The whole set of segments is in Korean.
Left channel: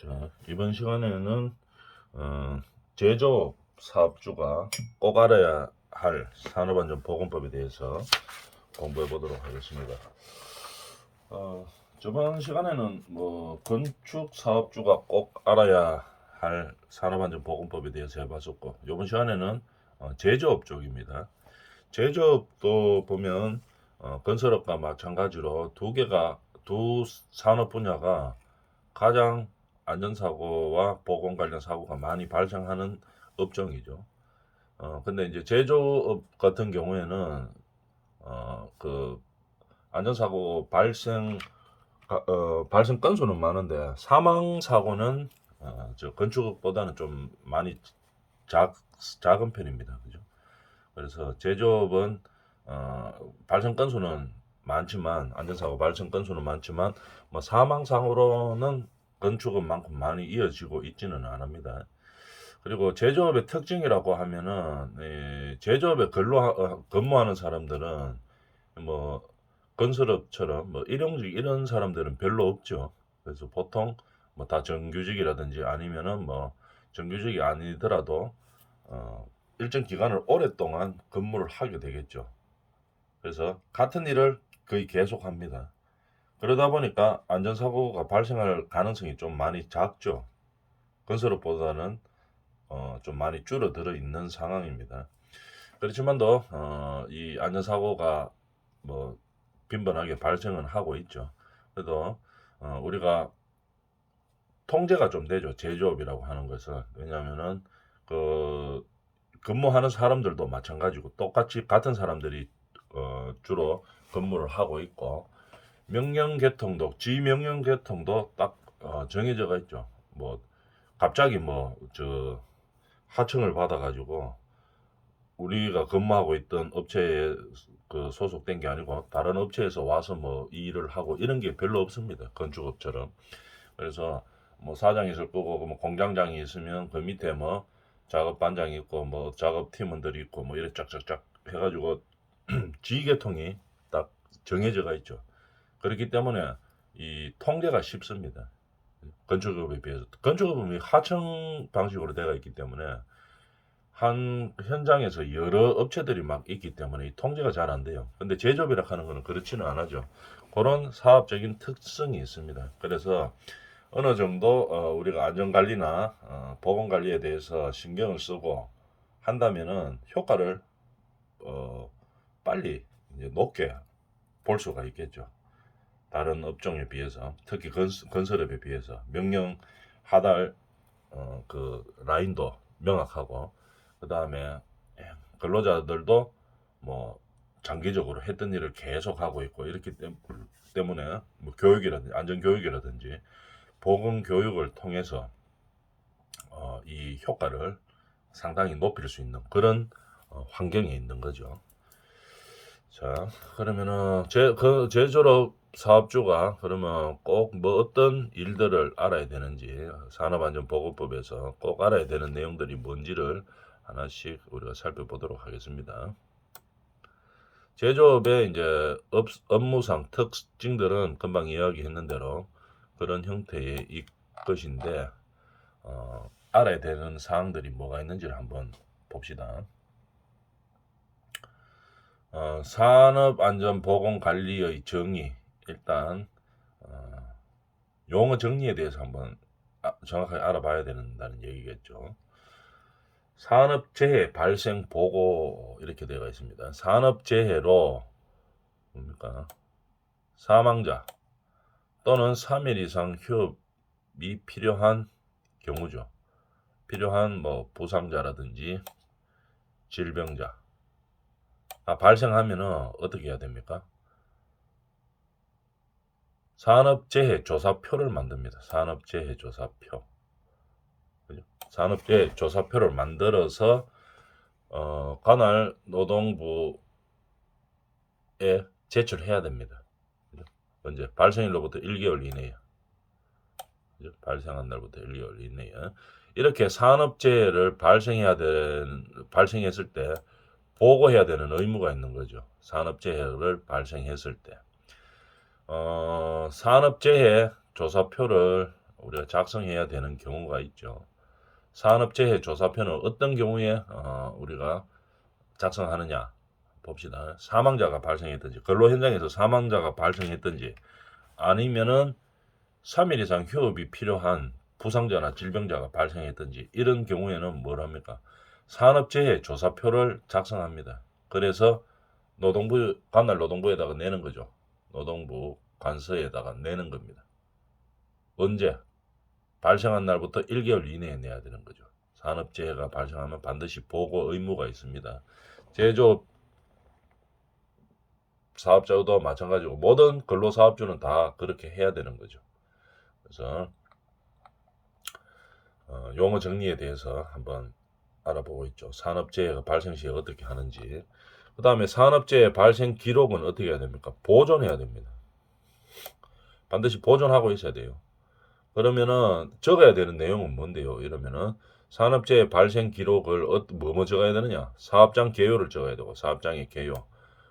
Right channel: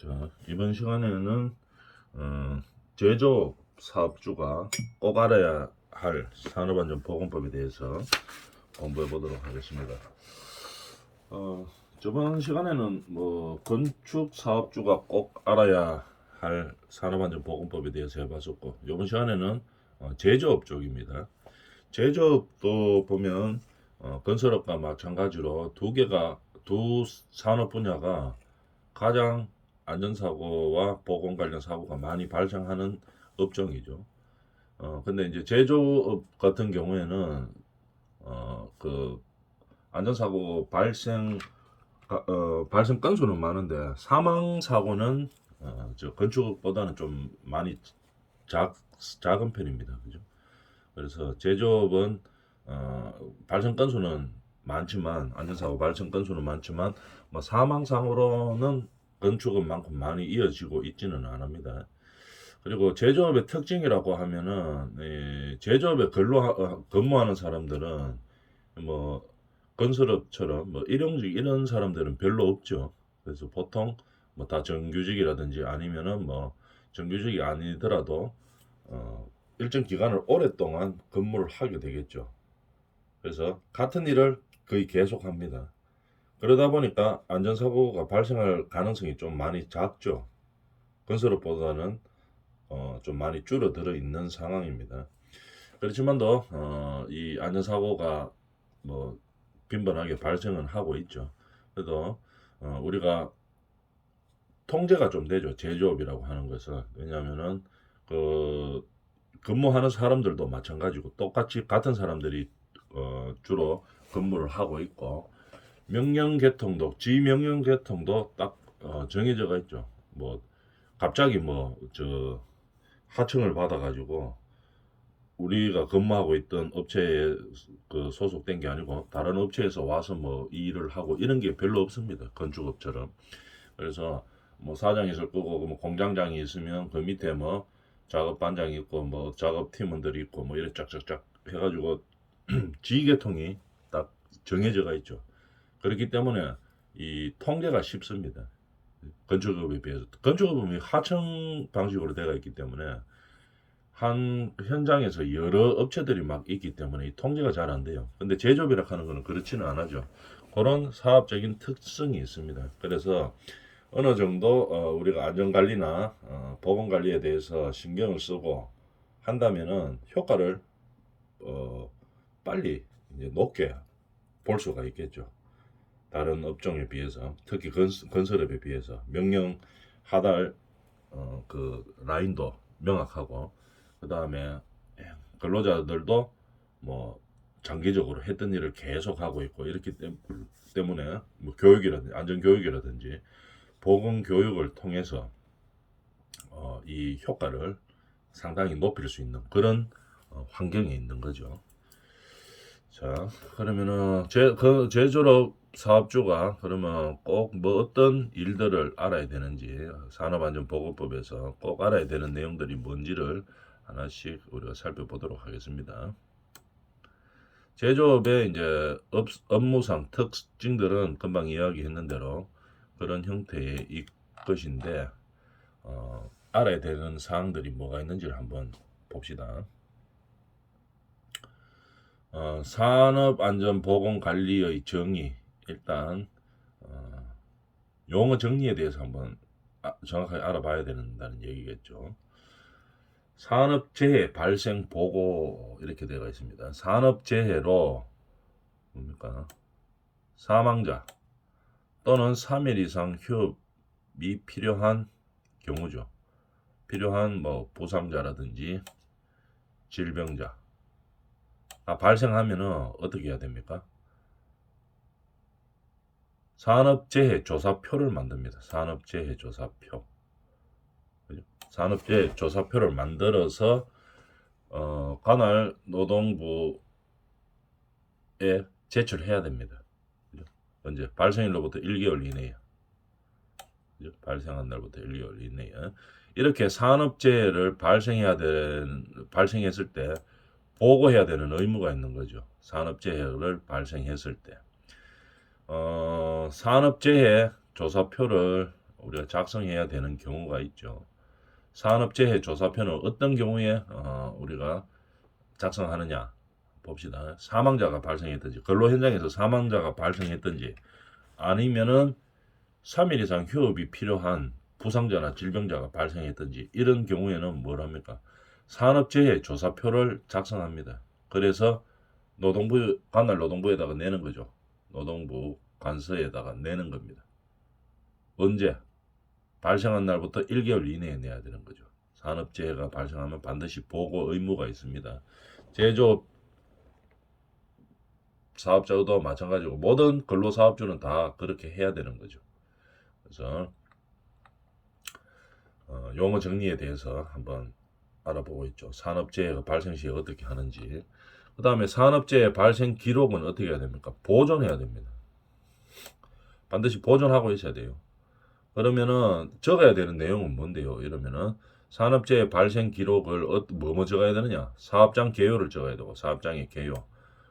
자, 이번 시간에는 제조업 사업주가 꼭 알아야 할 산업안전보건법에 대해서 공부해 보도록 하겠습니다. 저번 시간에는 뭐 건축 사업주가 꼭 알아야 할 산업안전보건법에 대해서 해봤었고, 이번 시간에는 제조업 쪽입니다. 제조업도 보면 건설업과 마찬가지로 두 산업 분야가 가장 안전사고와 보건 관련 사고가 많이 발생하는 업종이죠. 근데 이제 제조업 같은 경우에는 그 안전사고 발생 건수는 많은데 사망 사고는 저 건축업보다는 좀 많이 작은 편입니다. 그죠? 그래서 제조업은 발생 건수는 많지만 안전사고 발생 건수는 많지만 뭐 사망 사고로는 건축업만큼 많이 이어지고 있지는 않습니다. 그리고 제조업의 특징이라고 하면은 제조업에 근무하는 사람들은 뭐 건설업처럼 뭐 일용직 이런 사람들은 별로 없죠. 그래서 보통 뭐 다 정규직이라든지 아니면은 뭐 정규직이 아니더라도 일정 기간을 오랫동안 근무를 하게 되겠죠. 그래서 같은 일을 거의 계속합니다. 그러다 보니까 안전사고가 발생할 가능성이 좀 많이 작죠. 건설업보다는 좀 많이 줄어들어 있는 상황입니다. 그렇지만도 이 안전사고가 뭐 빈번하게 발생은 하고 있죠. 그래도 우리가 통제가 좀 되죠. 제조업이라고 하는 것은. 왜냐하면은 그 근무하는 사람들도 마찬가지고 똑같이 같은 사람들이 주로 근무를 하고 있고, 지명령 계통도 딱 정해져가 있죠. 뭐 갑자기 뭐 저 하청을 받아가지고 우리가 근무하고 있던 업체에 그 소속된 게 아니고 다른 업체에서 와서 뭐 이 일을 하고 이런 게 별로 없습니다. 건축업처럼. 그래서 뭐 사장이 있을 거고 뭐 공장장이 있으면 그 밑에 뭐 작업 반장이 있고 뭐 작업 팀원들이 있고 뭐 이렇게 쫙쫙쫙 해가지고 지휘계통이 딱 정해져가 있죠. 그렇기 때문에 이 통제가 쉽습니다. 건축업에 비해서. 건축업은 하청 방식으로 되어 있기 때문에 한 현장에서 여러 업체들이 막 있기 때문에 이 통제가 잘 안 돼요. 근데 제조업이라 하는 거는 그렇지는 않아죠. 그런 사업적인 특성이 있습니다. 그래서 어느 정도 우리가 안전관리나 보건관리에 대해서 신경을 쓰고 한다면은 효과를 어, 빨리 이제 높게 볼 수가 있겠죠. 다른 업종에 비해서, 특히 건설업에 비해서 명령 하달 그 라인도 명확하고, 그 다음에 근로자들도 뭐 장기적으로 했던 일을 계속 하고 있고 이렇기 때문에 뭐 교육이라든지 안전 교육이라든지 보건 교육을 통해서 이 효과를 상당히 높일 수 있는 그런 환경에 있는 거죠. 자, 그러면은 제조업 사업주가 그러면 꼭 뭐 어떤 일들을 알아야 되는지, 산업안전보건법에서 꼭 알아야 되는 내용들이 뭔지를 하나씩 우리가 살펴보도록 하겠습니다. 제조업의 이제 업무상 특징들은 금방 이야기했는 대로 그런 형태의 것인데, 알아야 되는 사항들이 뭐가 있는지를 한번 봅시다. 산업안전보건관리의 정의, 일단 용어 정리에 대해서 한번 정확하게 알아봐야 된다는 얘기겠죠. 산업재해 발생 보고 이렇게 되어 있습니다. 산업재해로 뭡니까? 사망자 또는 3일 이상 휴업이 필요한 경우죠. 필요한 뭐 부상자라든지 질병자 발생하면은 어떻게 해야 됩니까? 산업재해 조사표를 만듭니다. 산업재해 조사표. 산업재해 조사표를 만들어서 관할 노동부에 제출해야 됩니다. 언제? 발생일로부터 1개월 이내에. 발생한 날부터 1개월 이내에. 이렇게 산업재해를 발생했을 때 보고해야 되는 의무가 있는 거죠. 산업재해를 발생했을 때. 산업재해 조사표를 우리가 작성해야 되는 경우가 있죠. 산업재해 조사표는 어떤 경우에 우리가 작성하느냐 봅시다. 사망자가 발생했든지 근로 현장에서 사망자가 발생했든지 아니면은 3일 이상 휴업이 필요한 부상자나 질병자가 발생했든지 이런 경우에는 뭘 합니까? 산업재해 조사표를 작성합니다. 그래서 노동부 관할 노동부에다가 내는 거죠. 노동부 관서에다가 내는 겁니다. 언제? 발생한 날부터 1개월 이내에 내야 되는 거죠. 산업재해가 발생하면 반드시 보고 의무가 있습니다. 제조업 사업자도 마찬가지고 모든 근로사업주는 다 그렇게 해야 되는 거죠. 그래서 용어 정리에 대해서 한번 알아보고 있죠. 산업재해가 발생 시에 어떻게 하는지. 그 다음에 산업재해 발생 기록은 어떻게 해야 됩니까? 보존해야 됩니다. 반드시 보존하고 있어야 돼요. 그러면은 적어야 되는 내용은 뭔데요? 이러면은 산업재해 발생 기록을 뭐 적어야 되느냐? 사업장 개요를 적어야 되고 사업장의 개요.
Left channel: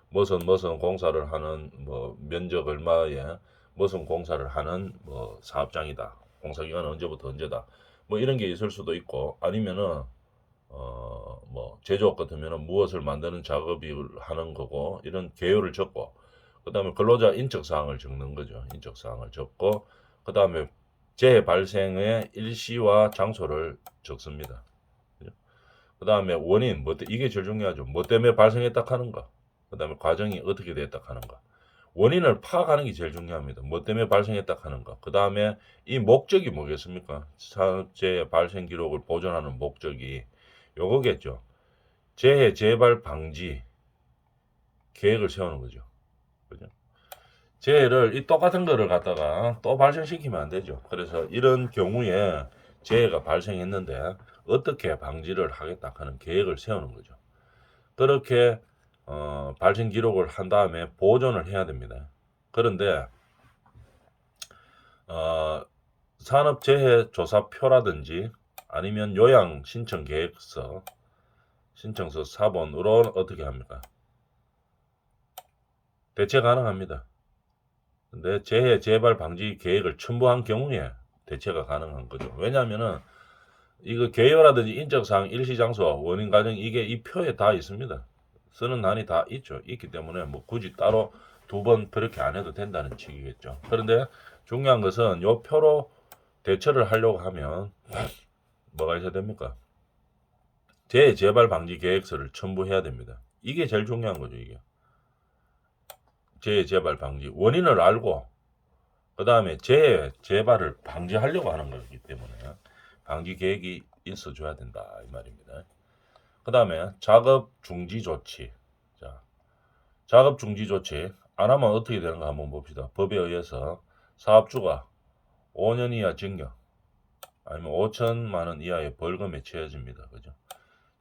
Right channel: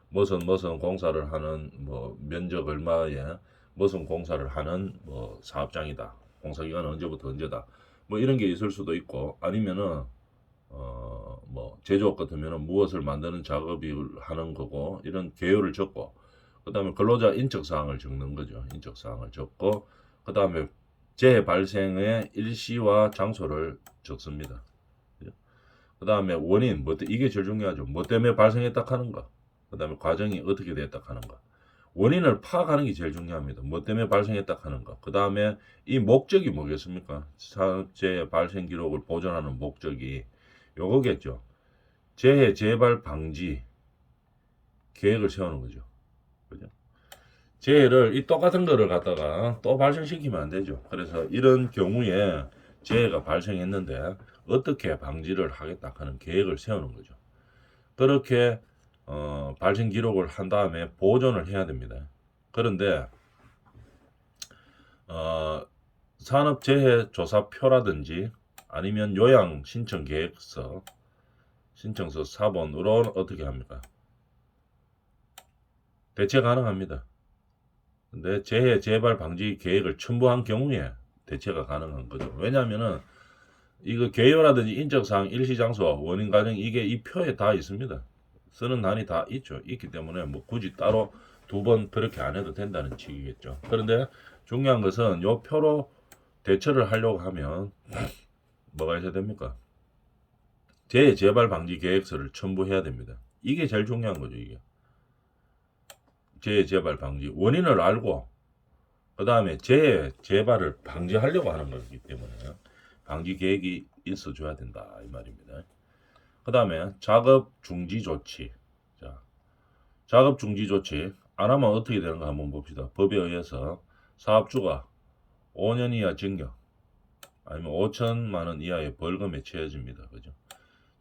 무슨 공사를 하는 뭐 면적 얼마에 무슨 공사를 하는 뭐 사업장이다. 공사 기간은 언제부터 언제다. 뭐 이런 게 있을 수도 있고 아니면은 뭐 제조업 같으면은 무엇을 만드는 작업이 하는 거고 이런 개요를 적고 그다음에 근로자 인적 사항을 적는 거죠. 인적 사항을 적고 그다음에 재해 발생의 일시와 장소를 적습니다. 그다음에 원인 이게 제일 중요하죠. 뭐 때문에 발생했다 하는 거. 그다음에 과정이 어떻게 됐다 하는 거. 원인을 파악하는 게 제일 중요합니다. 뭐 때문에 발생했다 하는 거. 그 다음에 이 목적이 뭐겠습니까? 산업재해 발생 기록을 보존하는 목적이 요거겠죠. 재해 재발 방지 계획을 세우는 거죠. 그죠? 재해를 이 똑같은 거를 갖다가 또 발생시키면 안 되죠. 그래서 이런 경우에 재해가 발생했는데 어떻게 방지를 하겠다 하는 계획을 세우는 거죠. 그렇게 발생 기록을 한 다음에 보존을 해야 됩니다. 그런데 산업재해조사표라든지 아니면 요양 신청 계획서 신청서 사본으로 어떻게 합니까? 대체 가능합니다. 근데 재해 재발 방지 계획을 첨부한 경우에 대체가 가능한 거죠. 왜냐하면은 이거 개요라든지 인적사항, 일시장소, 원인 과정 이게 이 표에 다 있습니다. 쓰는 한이 다 있기 때문에 뭐 굳이 따로 두 번 그렇게 안 해도 된다는 취지겠죠. 그런데 중요한 것은 요 표로 대처를 하려고 하면 뭐가 있어야 됩니까? 재발 방지 계획서를 첨부해야 됩니다. 이게 제일 중요한 거죠, 이게. 재발 방지 원인을 알고 그 다음에 재발을 방지하려고 하는 거기 때문에 방지 계획이 있어줘야 된다 이 말입니다. 그 다음에 작업 중지 조치. 자, 작업 중지 조치 안 하면 어떻게 되는가 한번 봅시다. 법에 의해서 사업주가 5년 이하 징역 아니면 5천만 원 이하의 벌금에 처해집니다. 그죠?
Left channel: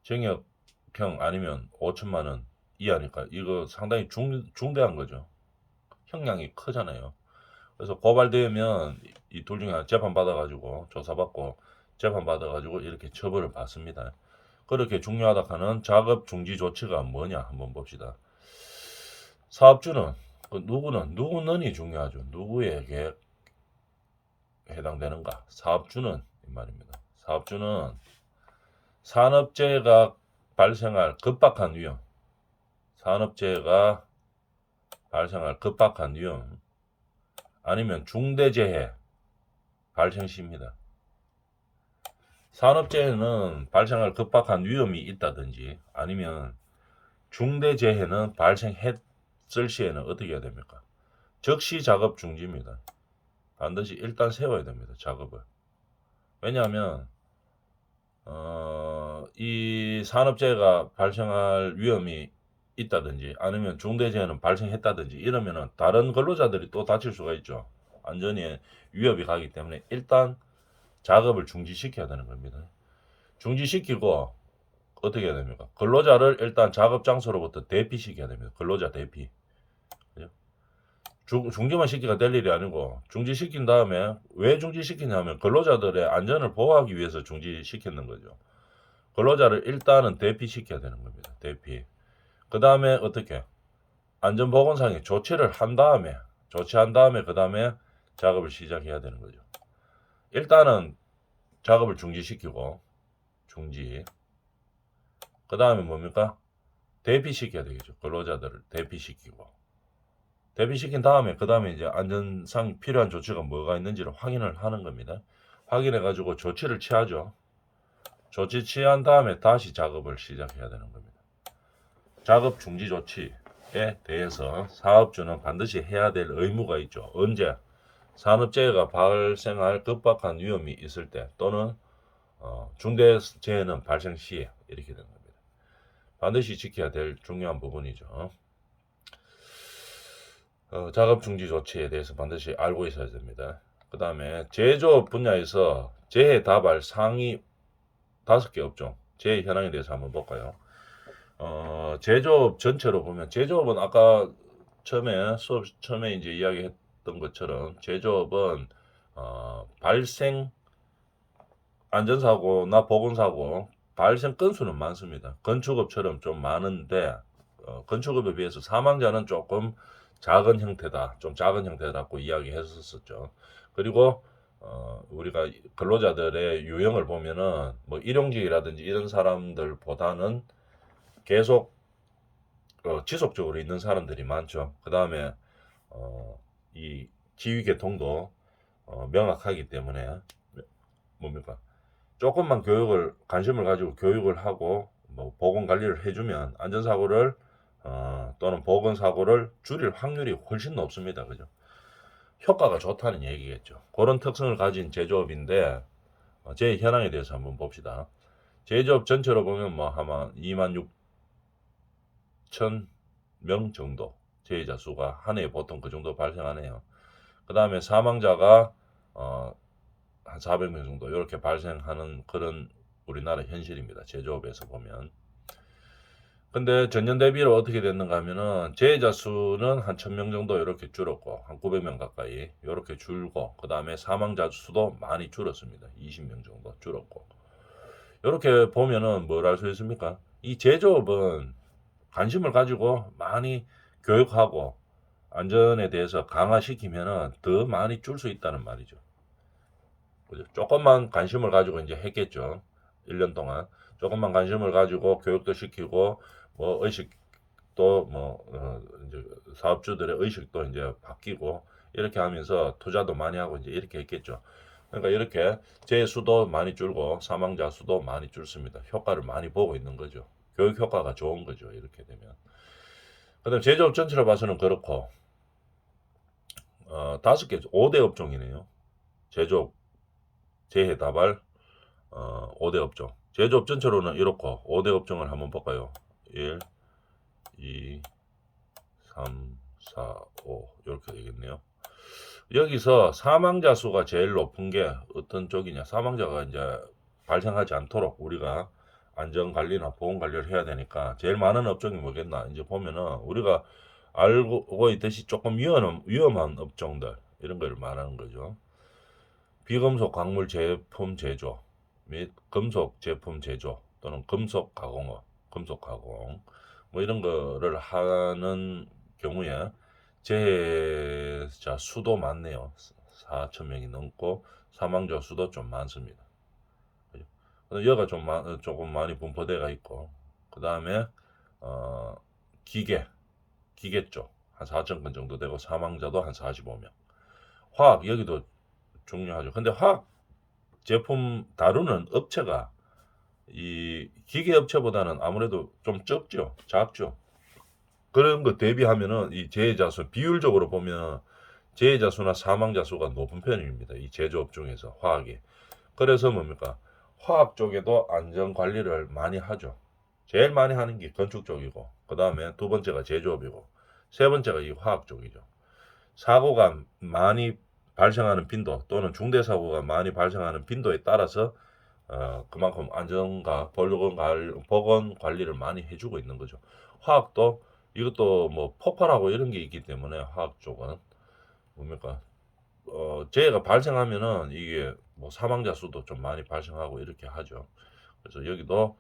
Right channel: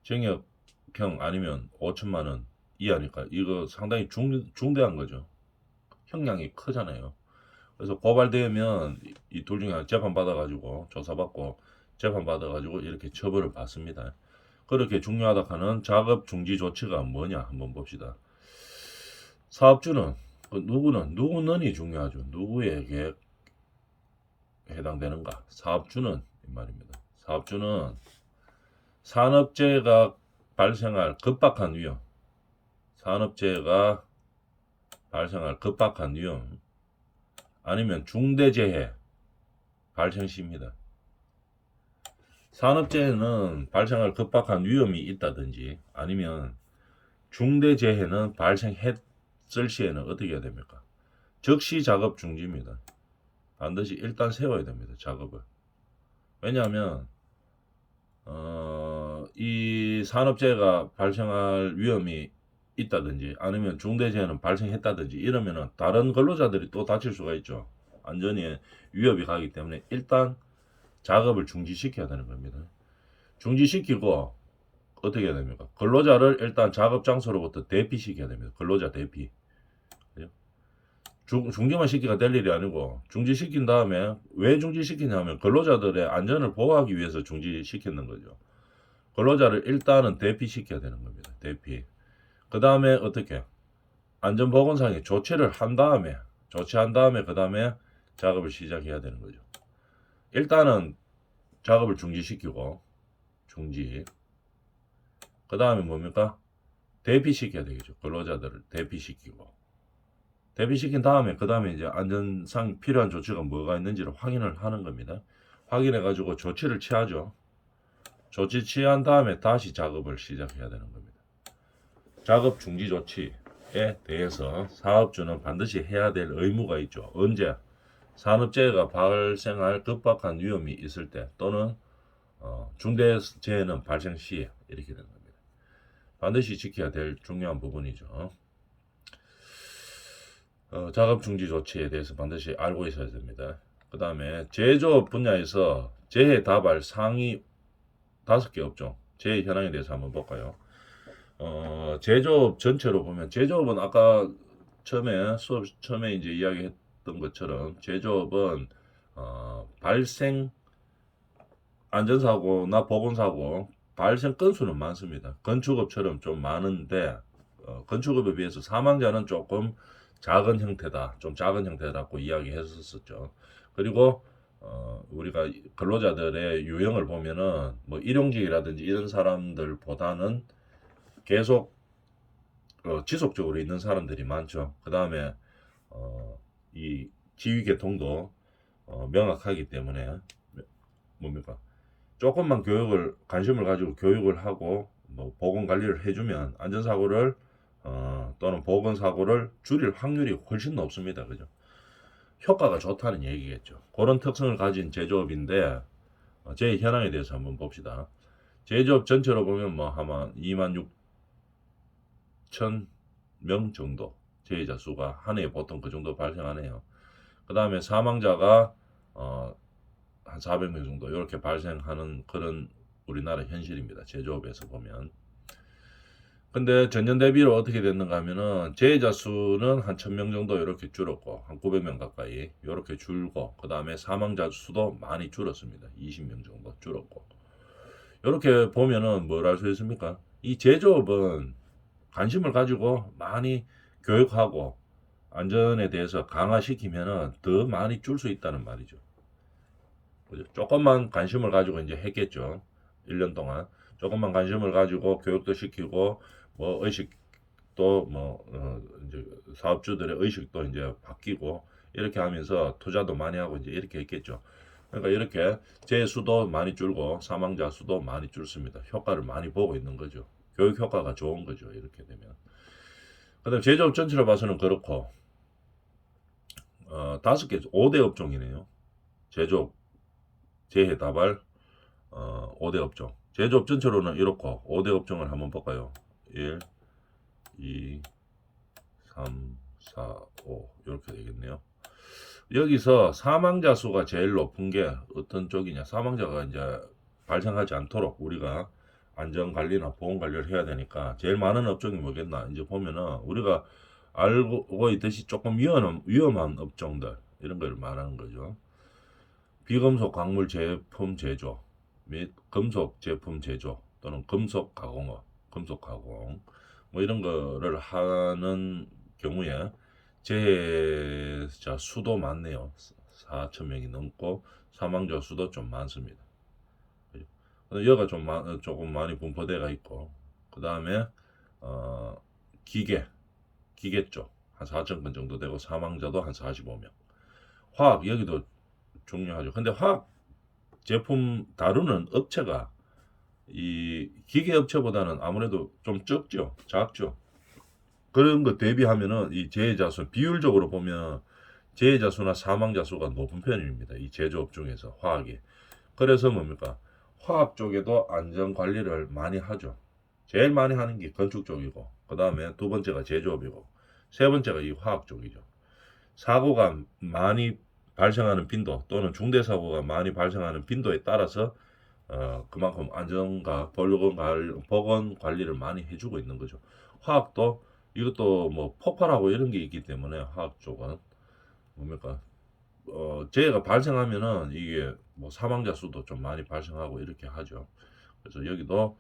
징역형 아니면 5천만 원 이하니까 이거 상당히 중대한 거죠. 형량이 크잖아요. 그래서 고발되면 이 둘 중에 하나 재판 받아가지고 조사받고 재판 받아가지고 이렇게 처벌을 받습니다. 그렇게 중요하다 하는 작업 중지 조치가 뭐냐 한번 봅시다. 사업주는 누구는이 중요하죠. 누구에게 해당되는가? 사업주는 이 말입니다. 사업주는 산업재해가 발생할 급박한 위험, 산업재해가 발생할 급박한 위험, 아니면 중대재해 발생 시입니다. 산업재해는 발생할 급박한 위험이 있다든지 아니면 중대재해는 발생했을 시에는 어떻게 해야 됩니까? 즉시 작업 중지입니다. 반드시 일단 세워야 됩니다. 작업을. 왜냐하면 이 산업재해가 발생할 위험이 있다든지 아니면 중대재해는 발생했다든지 이러면은 다른 근로자들이 또 다칠 수가 있죠. 안전에 위협이 가기 때문에 일단 작업을 중지시켜야 되는 겁니다. 중지시키고 어떻게 해야 됩니까? 근로자를 일단 작업 장소로부터 대피시켜야 됩니다. 근로자 대피. 중지만 시키가 될 일이 아니고 중지시킨 다음에 왜 중지시키냐면 근로자들의 안전을 보호하기 위해서 중지시키는 거죠. 근로자를 일단은 대피시켜야 되는 겁니다. 대피. 그 다음에 어떻게? 안전보건상의 조치를 한 다음에 그 다음에 작업을 시작해야 되는 거죠. 일단은 작업을 중지시키고 중지. 그 다음에 뭡니까? 대피시켜야 되겠죠. 근로자들을 대피시키고 대피시킨 다음에 그 다음에 이제 안전상 필요한 조치가 뭐가 있는지를 확인을 하는 겁니다. 확인해 가지고 조치를 취하죠. 조치 취한 다음에 다시 작업을 시작해야 되는 겁니다. 작업 중지 조치에 대해서 사업주는 반드시 해야 될 의무가 있죠. 언제? 산업재해가 발생할 급박한 위험이 있을 때 또는 중대재해는 발생 시에 이렇게 되는 겁니다. 반드시 지켜야 될 중요한 부분이죠. 작업 중지 조치에 대해서 반드시 알고 있어야 됩니다. 그 다음에 제조업 분야에서 재해 다발 상위 5개 업종 재해 현황에 대해서 한번 볼까요? 제조업 전체로 보면 제조업은 아까 처음에 이제 이야기했던 것처럼 제조업은 발생 안전사고나 보건사고 발생 건수는 많습니다. 건축업처럼 좀 많은데 건축업에 비해서 사망자는 조금 작은 형태다. 좀 작은 형태라고 이야기했었죠. 그리고 우리가 근로자들의 유형을 보면은 뭐 일용직이라든지 이런 사람들보다는 계속 지속적으로 있는 사람들이 많죠. 그 다음에 이 지휘계통도 명확하기 때문에 뭡니까? 조금만 교육을 관심을 가지고 교육을 하고 뭐 보건 관리를 해주면 안전사고를 또는 보건사고를 줄일 확률이 훨씬 높습니다. 그죠? 효과가 좋다는 얘기겠죠. 그런 특성을 가진 제조업인데 제 현황에 대해서 한번 봅시다. 제조업 전체로 보면 뭐 아마 26,000명 정도 재해자 수가 한 해에 보통 그 정도 발생하네요. 그 다음에 사망자가 한 400명 정도 이렇게 발생하는 그런 우리나라 현실입니다. 제조업에서 보면. 근데 전년 대비로 어떻게 됐는가 하면은 재해자 수는 한 1000명 정도 이렇게 줄었고 한 900명 가까이 이렇게 줄고 그 다음에 사망자 수도 많이 줄었습니다. 20명 정도 줄었고 이렇게 보면은 뭘 알 수 있습니까? 이 제조업은 관심을 가지고 많이 교육하고 안전에 대해서 강화시키면은 더 많이 줄 수 있다는 말이죠. 그죠? 조금만 관심을 가지고 이제 했겠죠. 1년 동안 조금만 관심을 가지고 교육도 시키고 뭐 의식도 뭐 이제 사업주들의 의식도 이제 바뀌고 이렇게 하면서 투자도 많이 하고 이제 이렇게 했겠죠. 그러니까 이렇게 재해 수도 많이 줄고 사망자 수도 많이 줄습니다. 효과를 많이 보고 있는 거죠. 교육 효과가 좋은 거죠. 이렇게 되면. 그다음 제조업 전체로 봐서는 그렇고 5개 5대 업종이네요. 제조업 재해 다발 5대 업종. 제조업 전체로는 이렇고 5대 업종을 한번 볼까요? 1, 2, 3, 4, 5 이렇게 되겠네요. 여기서 사망자 수가 제일 높은 게 어떤 쪽이냐? 사망자가 이제 발생하지 않도록 우리가 안전 관리나 보건 관리를 해야 되니까 제일 많은 업종이 뭐겠나? 이제 보면은 우리가 알고 있듯이 조금 위험한 업종들 이런 걸 말하는 거죠. 비금속 광물 제품 제조 및 금속 제품 제조 또는 금속 가공업, 금속 가공 뭐 이런 거를 하는 경우에 재해자 수도 많네요. 4,000명이 넘고 사망자 수도 좀 많습니다. 여기가 조금 많이 분포대가 있고 그 다음에 기계 쪽 한 4,000건 정도 되고 사망자도 한 45명. 화학 여기도 중요하죠. 근데 화학 제품 다루는 업체가 이 기계 업체보다는 아무래도 좀 적죠. 작죠. 그런 거 대비하면은 이 재해자 수 비율적으로 보면 재해자 수나 사망자 수가 높은 편입니다. 이 제조업 중에서 화학이. 그래서 뭡니까? 화학 쪽에도 안전 관리를 많이 하죠. 제일 많이 하는 게 건축 쪽이고, 그 다음에 두 번째가 제조업이고, 세 번째가 이 화학 쪽이죠. 사고가 많이 발생하는 빈도 또는 중대 사고가 많이 발생하는 빈도에 따라서 그만큼 안전과 보건 관리를 많이 해주고 있는 거죠. 화학도 이것도 뭐 폭발하고 이런 게 있기 때문에 화학 쪽은 뭡니까? 재해가 발생하면은 이게 뭐 사망자 수도 좀 많이 발생하고 이렇게 하죠. 그래서 여기도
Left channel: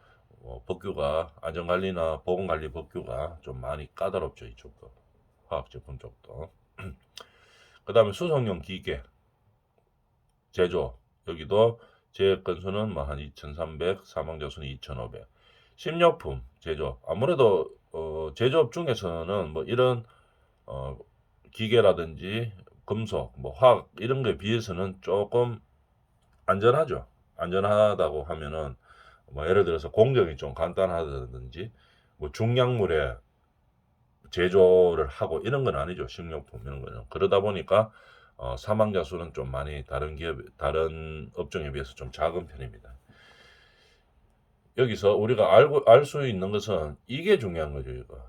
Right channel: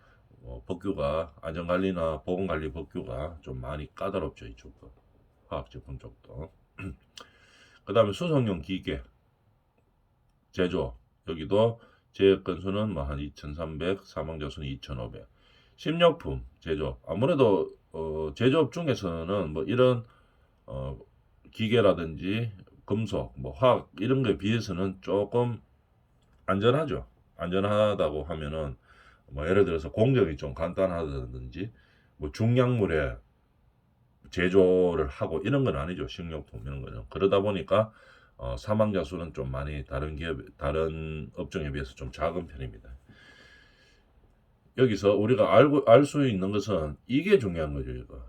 법규가 안전관리나 보건관리 법규가 좀 많이 까다롭죠. 이쪽도 화학 제품 쪽도. 그 다음에 수송용 기계 제조 여기도 재해 건수는 뭐 한 2,300, 사망자 수는 2,500. 식료품 제조업 아무래도 제조업 중에서는 뭐 이런 어, 기계라든지 금속, 뭐 화학 이런 거에 비해서는 조금 안전하죠. 안전하다고 하면은 뭐 예를 들어서 공정이 좀 간단하다든지 뭐 중약물에 제조를 하고 이런 건 아니죠. 식료품 이런 거는. 그러다 보니까 사망자 수는 좀 많이 다른 업종에 비해서 좀 작은 편입니다. 여기서 우리가 알 수 있는 것은 이게 중요한 거죠. 이거.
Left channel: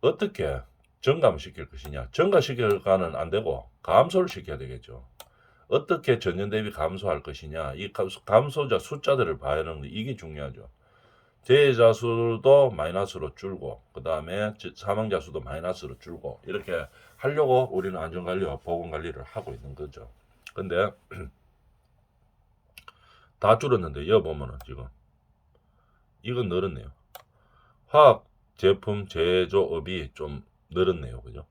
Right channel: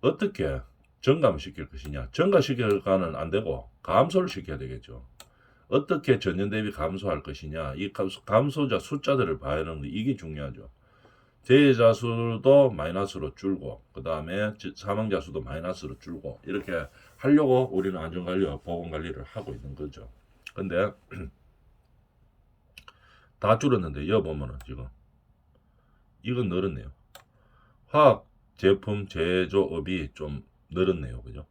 어떻게 증감시킬 것이냐. 증가시켜가는 안 되고 감소를 시켜야 되겠죠. 어떻게 전년 대비 감소할 것이냐. 이 감소자 숫자들을 봐야 하는데 이게 중요하죠. 재해자 수도 마이너스로 줄고 그 다음에 사망자 수도 마이너스로 줄고 이렇게 하려고 우리는 안전관리와 보건관리를 하고 있는 거죠. 근데 다 줄었는데 여기 보면은 지금 이건 늘었네요. 화학 제품 제조업이 좀 늘었네요. 그죠?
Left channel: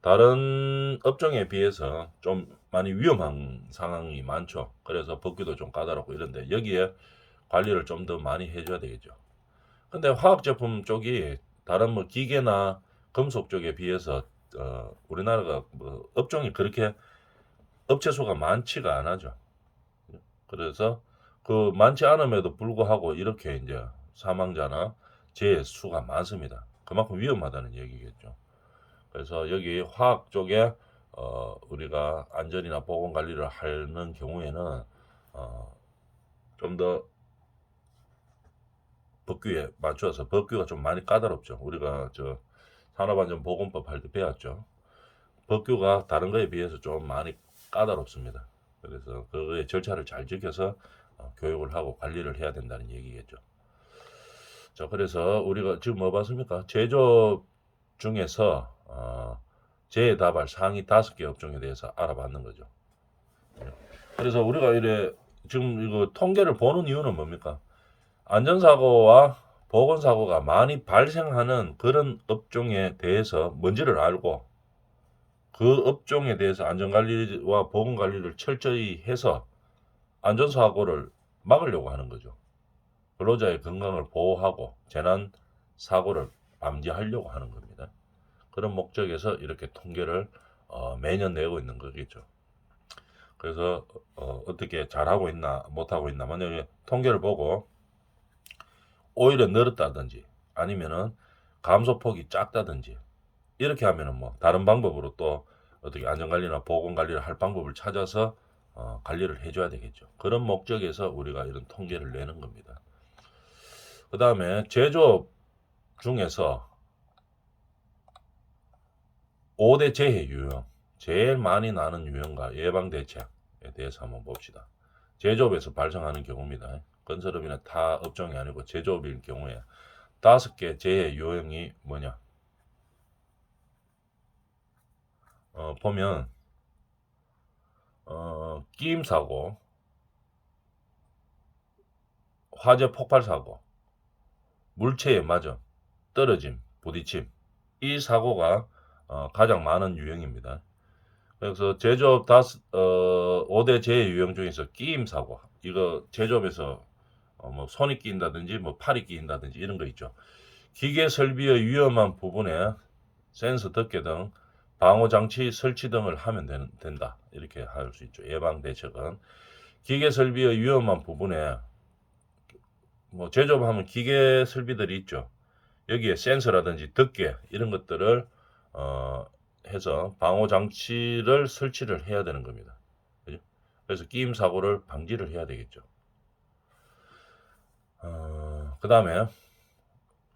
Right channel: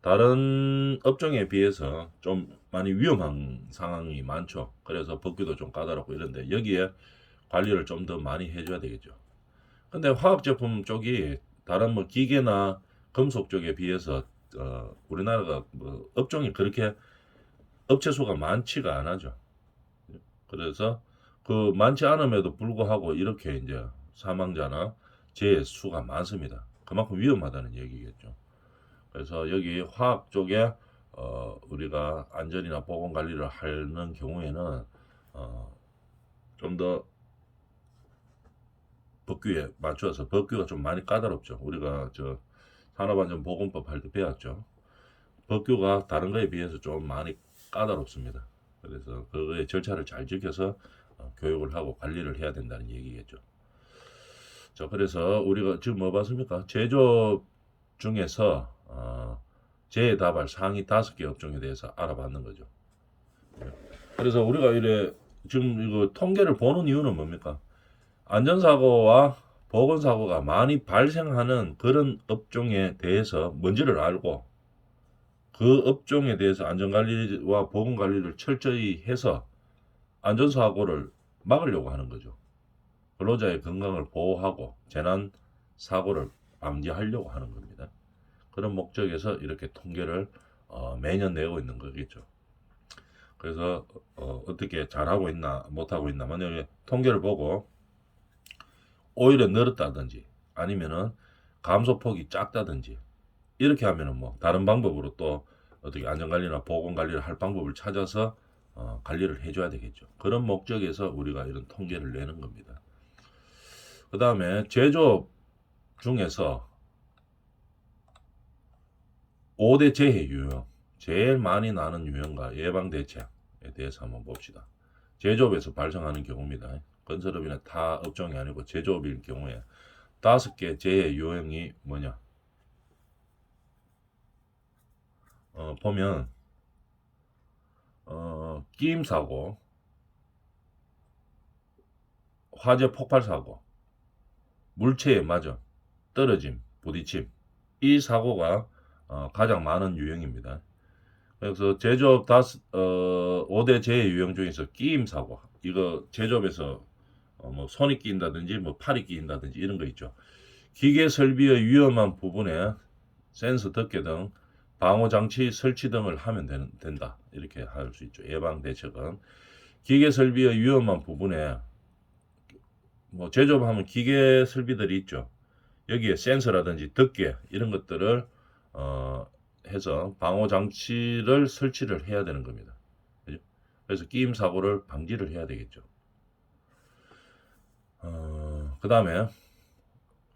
다른 업종에 비해서 좀 많이 위험한 상황이 많죠. 그래서 법규도 좀 까다롭고 이런데 여기에 관리를 좀 더 많이 해줘야 되겠죠. 근데 화학 제품 쪽이 다른 뭐 기계나 금속 쪽에 비해서 우리나라가 뭐 업종이 그렇게 업체 수가 많지가 않아죠. 그래서 그 많지 않음에도 불구하고 이렇게 이제 사망자나 재해 수가 많습니다. 그만큼 위험하다는 얘기겠죠. 그래서 여기 화학 쪽에 우리가 안전이나 보건 관리를 하는 경우에는 좀 더 법규에 맞춰서 법규가 좀 많이 까다롭죠. 우리가 저 산업안전보건법 할 때 배웠죠. 법규가 다른 거에 비해서 좀 많이 까다롭습니다. 그래서 그거의 절차를 잘 지켜서 교육을 하고 관리를 해야 된다는 얘기겠죠. 자, 그래서 우리가 지금 뭐 봤습니까? 제조업 중에서 재해 다발 상위 5개 업종에 대해서 알아봤는 거죠. 그래서 우리가 이래 지금 이거 통계를 보는 이유는 뭡니까? 안전사고와 보건사고가 많이 발생하는 그런 업종에 대해서 뭔지를 알고 그 업종에 대해서 안전관리와 보건관리를 철저히 해서 안전사고를 막으려고 하는 거죠. 근로자의 건강을 보호하고 재난 사고를 방지하려고 하는 겁니다. 그런 목적에서 이렇게 통계를 매년 내고 있는 거겠죠. 그래서 어떻게 잘하고 있나 못하고 있나 만약에 통계를 보고 오히려 늘었다든지 아니면은 감소폭이 작다든지 이렇게 하면은 뭐 다른 방법으로 또 어떻게 안전관리나 보건관리를 할 방법을 찾아서 관리를 해줘야 되겠죠. 그런 목적에서 우리가 이런 통계를 내는 겁니다. 그 다음에 제조업 중에서 5대 재해 유형, 제일 많이 나는 유형과 예방 대책에 대해서 한번 봅시다. 제조업에서 발생하는 경우입니다. 건설업이나 타 업종이 아니고 제조업일 경우에 5개 재해 유형이 뭐냐? 보면 끼임 사고, 화재 폭발 사고, 물체에 맞음, 떨어짐, 부딪힘 이 사고가 가장 많은 유형입니다. 그래서 제조업 5대 재해 유형 중에서 끼임 사고 이거 제조업에서 뭐 손이 끼인다든지 뭐 팔이 끼인다든지 이런 거 있죠. 기계 설비의 위험한 부분에 센서 덮개 등 방호 장치 설치 등을 하면 된다. 이렇게 할 수 있죠. 예방 대책은 기계 설비의 위험한 부분에 뭐 제조업하면 기계 설비들이 있죠. 여기에 센서라든지 덮개 이런 것들을 해서 방호 장치를 설치를 해야 되는 겁니다. 그죠? 그래서 끼임 사고를 방지를 해야 되겠죠. 그 다음에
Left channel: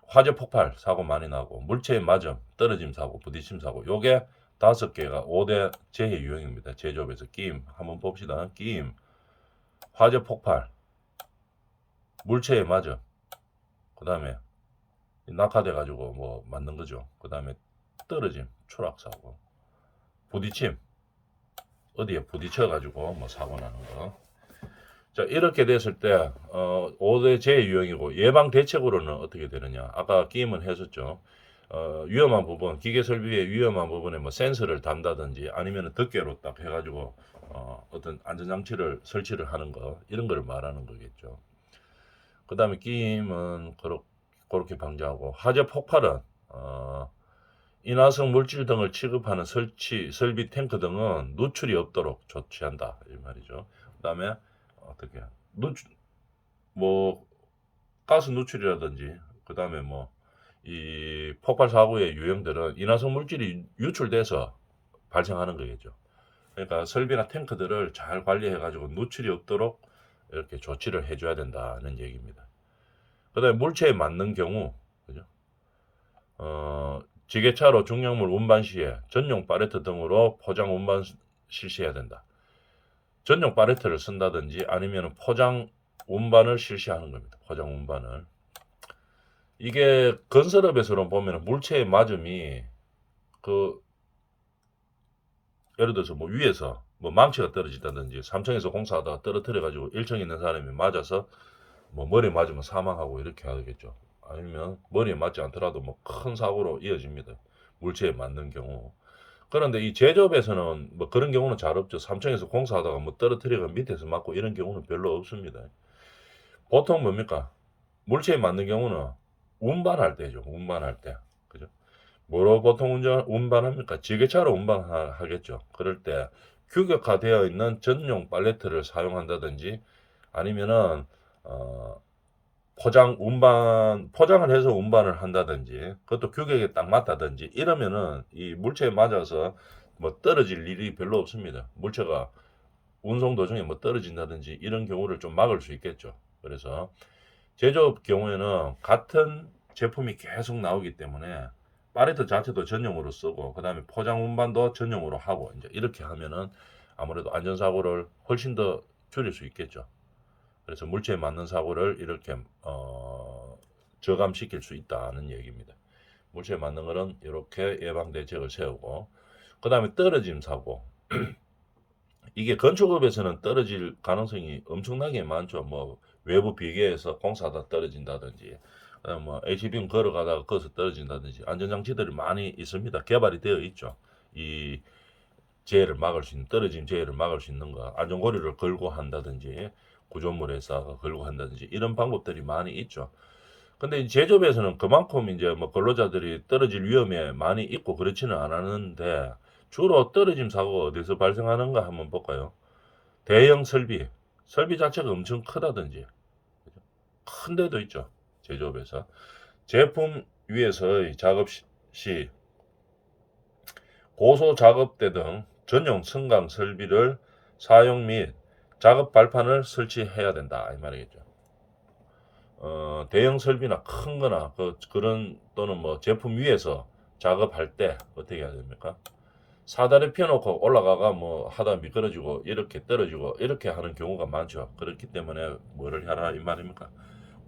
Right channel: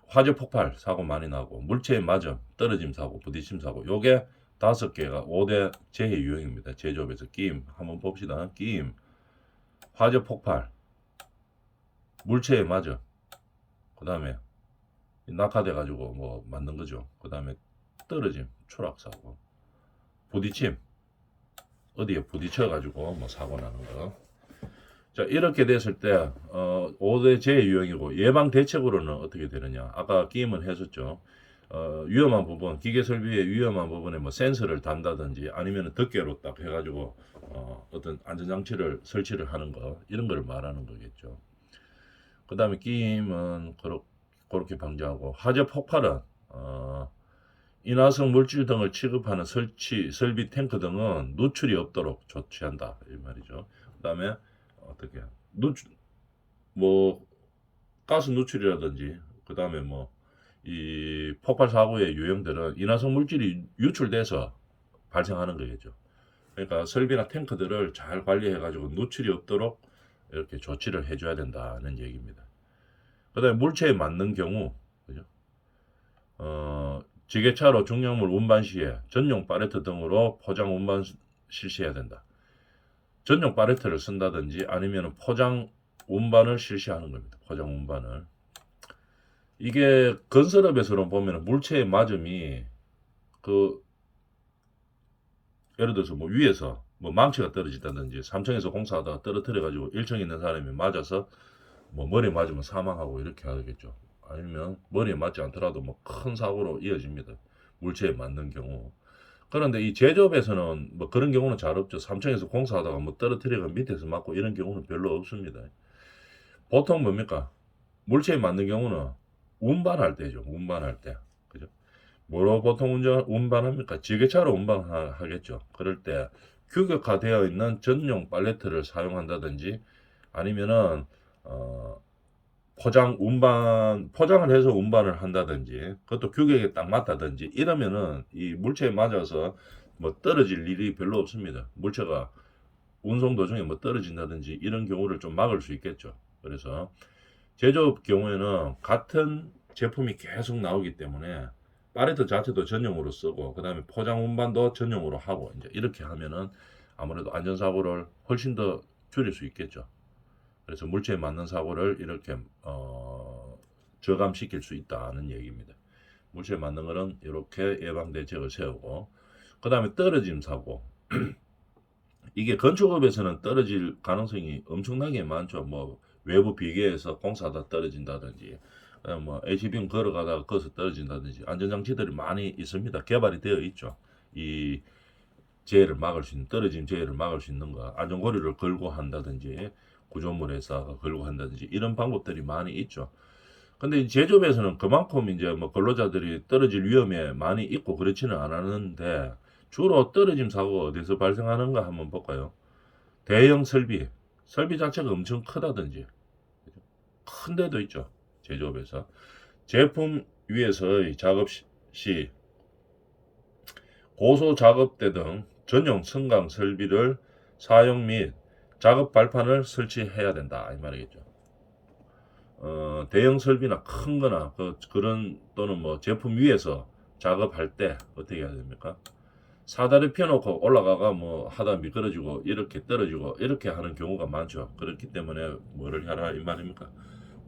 화재 폭발 사고 많이 나고 물체에 맞음, 떨어짐 사고, 부딪힘 사고 요게 5개가 5대 재해 유형입니다. 제조업에서 끼임 한번 봅시다. 끼임, 화재 폭발, 물체에 맞음, 그 다음에 낙하돼 가지고 뭐 맞는 거죠. 그 다음에 떨어짐, 추락 사고, 부딪힘, 어디에 부딪혀 가지고 뭐 사고 나는 거. 자, 이렇게 됐을 때 5대 재해 유형이고 예방 대책으로는 어떻게 되느냐? 아까 끼임은 했었죠. 위험한 부분, 기계 설비의 위험한 부분에 뭐 센서를 단다든지 아니면 덮개로 딱 해가지고 어떤 안전장치를 설치를 하는 거 이런 거를 말하는 거겠죠. 그 다음에 끼임은 그렇게 방지하고 화재 폭발은 인화성 물질 등을 취급하는 설비 탱크 등은 누출이 없도록 조치한다 이 말이죠. 그 다음에 어떻게 누출 뭐 가스 누출이라든지 그 다음에 뭐 이 폭발 사고의 유형들은 인화성 물질이 유출돼서 발생하는 거겠죠. 그러니까 설비나 탱크들을 잘 관리해 가지고 누출이 없도록 이렇게 조치를 해줘야 된다는 얘기입니다. 그다음에 물체에 맞는 경우, 그죠? 지게차로 중량물 운반 시에 전용 팔레트 등으로 포장 운반 실시해야 된다. 전용 팔레트를 쓴다든지 아니면 포장 운반을 실시하는 겁니다. 포장 운반을. 이게 건설업에서는 보면 물체의 맞음이 그 예를 들어서 뭐 위에서 뭐 망치가 떨어진다든지 3층에서 공사하다가 떨어뜨려 가지고 1층에 있는 사람이 맞아서 뭐 머리에 맞으면 사망하고 이렇게 하겠죠. 아니면 머리에 맞지 않더라도 뭐 큰 사고로 이어집니다. 물체에 맞는 경우. 그런데 이 제조업에서는 뭐 그런 경우는 잘 없죠. 3층에서 공사하다가 뭐 떨어뜨리고 밑에서 맞고 이런 경우는 별로 없습니다. 보통 뭡니까? 물체에 맞는 경우는 운반할 때죠. 운반할 때. 그죠? 뭐로 보통 운반합니까? 지게차로 운반하겠죠. 그럴 때 규격화되어 있는 전용 팔레트를 사용한다든지 아니면은 어, 포장을 해서 운반을 한다든지 그것도 규격에 딱 맞다든지 이러면은 이 물체에 맞아서 뭐 떨어질 일이 별로 없습니다. 물체가 운송 도중에 뭐 떨어진다든지 이런 경우를 좀 막을 수 있겠죠. 그래서 제조업 경우에는 같은 제품이 계속 나오기 때문에 팔레트 자체도 전용으로 쓰고 그 다음에 포장 운반도 전용으로 하고 이제 이렇게 하면은 아무래도 안전사고를 훨씬 더 줄일 수 있겠죠. 그래서 물체에 맞는 사고를 이렇게 저감시킬 수 있다는 얘기입니다. 물체에 맞는 거는 이렇게 예방 대책을 세우고 그 다음에 떨어짐 사고 이게 건축업에서는 떨어질 가능성이 엄청나게 많죠. 뭐 외부 비계에서 공사하다 떨어진다든지 뭐 HBM 걸어가다가 거기서 떨어진다든지 안전장치들이 많이 있습니다. 개발이 되어 있죠. 이 재해를 막을 수 있는 떨어진 재해를 막을 수 있는 거 안전고리를 걸고 한다든지 구조물에서 걸고 한다든지 이런 방법들이 많이 있죠. 근데 이 제조업에서는 그만큼 이제 뭐 근로자들이 떨어질 위험에 많이 있고 그렇지는 않았는데 주로 떨어짐 사고가 어디서 발생하는가 한번 볼까요? 대형 설비 자체가 엄청 크다든지 큰 데도 있죠. 제조업에서 제품 위에서의 작업 시 고소 작업대 등 전용 승강 설비를 사용 및 작업 발판을 설치해야 된다 이 말이겠죠. 대형 설비나 큰 거나 그런 또는 뭐 제품 위에서 작업할 때 어떻게 해야 됩니까? 사다리 펴놓고 올라가가 뭐 하다 미끄러지고 이렇게 떨어지고 이렇게 하는 경우가 많죠. 그렇기 때문에 뭐를 하라 이 말입니까?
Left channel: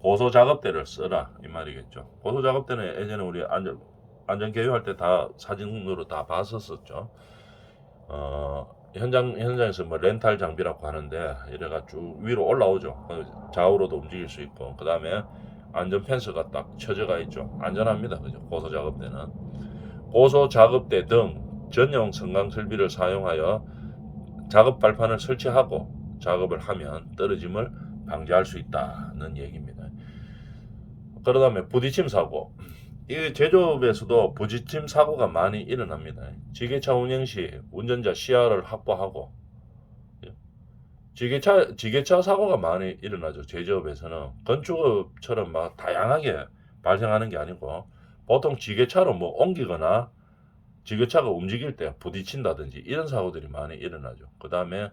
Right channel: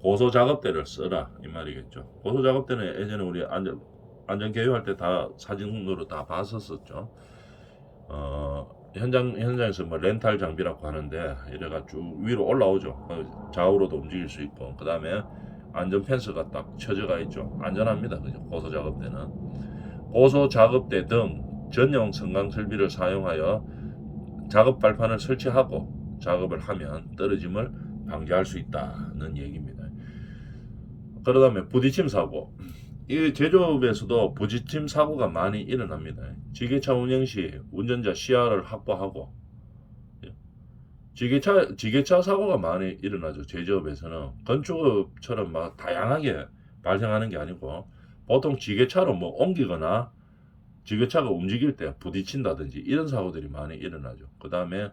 고소 작업대를 써라 이 말이겠죠. 고소 작업대는 예전에 우리 안전 개요할 때 다 사진으로 다 봤었었죠. 현장에서 뭐 렌탈 장비라고 하는데 이래가 쭉 위로 올라오죠. 좌우로도 움직일 수 있고 그 다음에 안전 펜스가 딱 쳐져가 있죠. 안전합니다. 그죠? 고소 작업대는 고소 작업대 등 전용 승강 설비를 사용하여 작업 발판을 설치하고 작업을 하면 떨어짐을 방지할 수 있다는 얘기입니다. 그러다음에 부딪힘 사고. 이 제조업에서도 부딪힘 사고가 많이 일어납니다. 지게차 운행 시 운전자 시야를 확보하고 지게차 사고가 많이 일어나죠. 제조업에서는 건축업처럼 막 다양하게 발생하는 게 아니고 보통 지게차로 뭐 옮기거나 지게차가 움직일 때 부딪힌다든지 이런 사고들이 많이 일어나죠. 그 다음에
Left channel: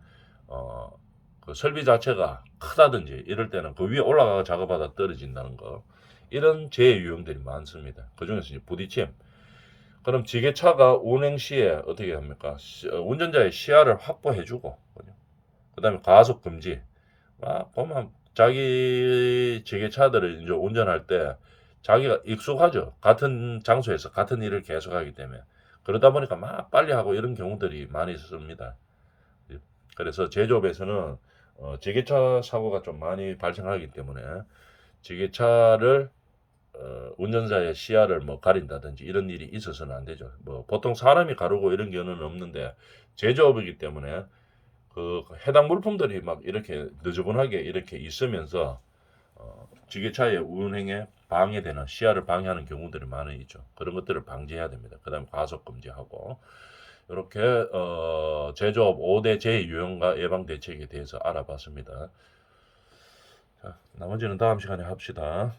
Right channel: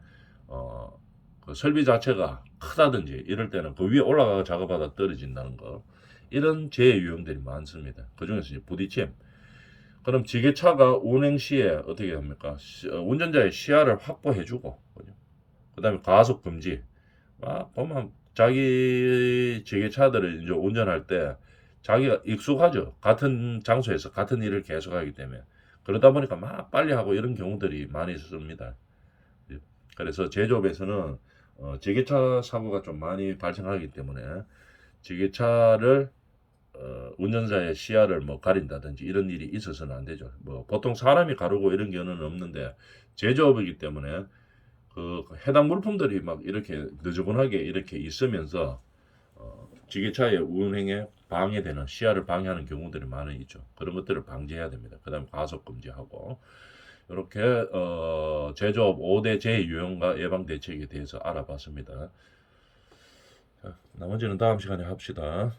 그 설비 자체가 크다든지 이럴 때는 그 위에 올라가 작업하다 떨어진다는 거 이런 재해 유형들이 많습니다. 그 중에서 부딪힘. 그럼 지게차가 운행 시에 어떻게 합니까? 운전자의 시야를 확보해주고 그 다음에 가속 금지. 보면 자기 지게차들을 이제 운전할 때 자기가 익숙하죠. 같은 장소에서 같은 일을 계속하기 때문에 그러다 보니까 막 빨리 하고 이런 경우들이 많이 있습니다. 그래서 제조업에서는 지게차 사고가 좀 많이 발생하기 때문에 지게차를 운전자의 시야를 뭐 가린다든지 이런 일이 있어서는 안 되죠. 뭐 보통 사람이 가르고 이런 경우는 없는데 제조업이기 때문에 그 해당 물품들이 막 이렇게 느지분하게 이렇게 있으면서 지게차의 운행에 방해되는 시야를 방해하는 경우들이 많이 있죠. 그런 것들을 방지해야 됩니다. 그다음에 과속 금지하고 이렇게 제조업 5대 재유형과 예방 대책에 대해서 알아봤습니다. 자, 나머지는 다음 시간에 합시다.